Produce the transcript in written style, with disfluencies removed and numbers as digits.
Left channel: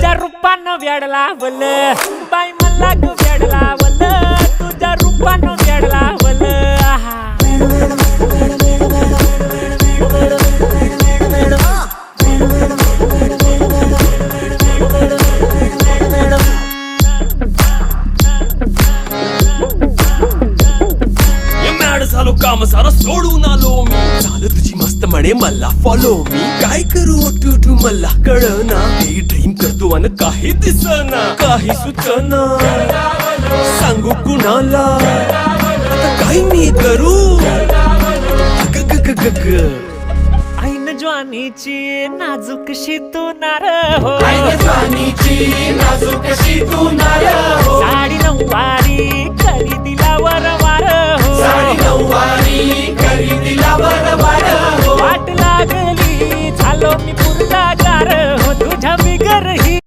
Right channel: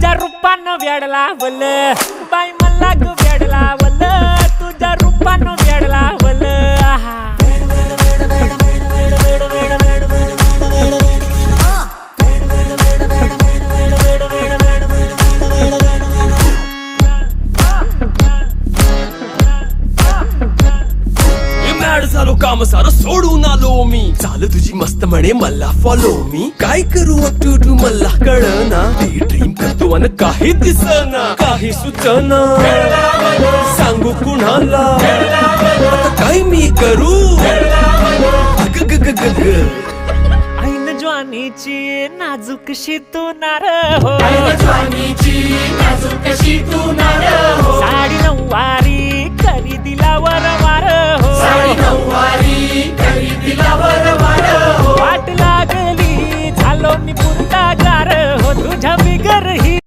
तुझ्या रूपानं वेड लावल बाई मला ग वेड लावल तुझ्या रूपानं वेड लावल आहा झालो काम सारं सोडून आलो मी चाल तुझी मस्त म्हणे मला फॉलो मी काय करू टू मला कळना ती ड्रीम करतो अन काही दिसना काही सुचना सांगू कुणाला आता काय मी करू अग ग ग ग ग ऐन ज्वानीची नाजूकशी तू नार हो साडी नऊवारी करी दिला वरवार हो वाट लागली झालो मी पुरता गार हो तुझ्या बिगर ही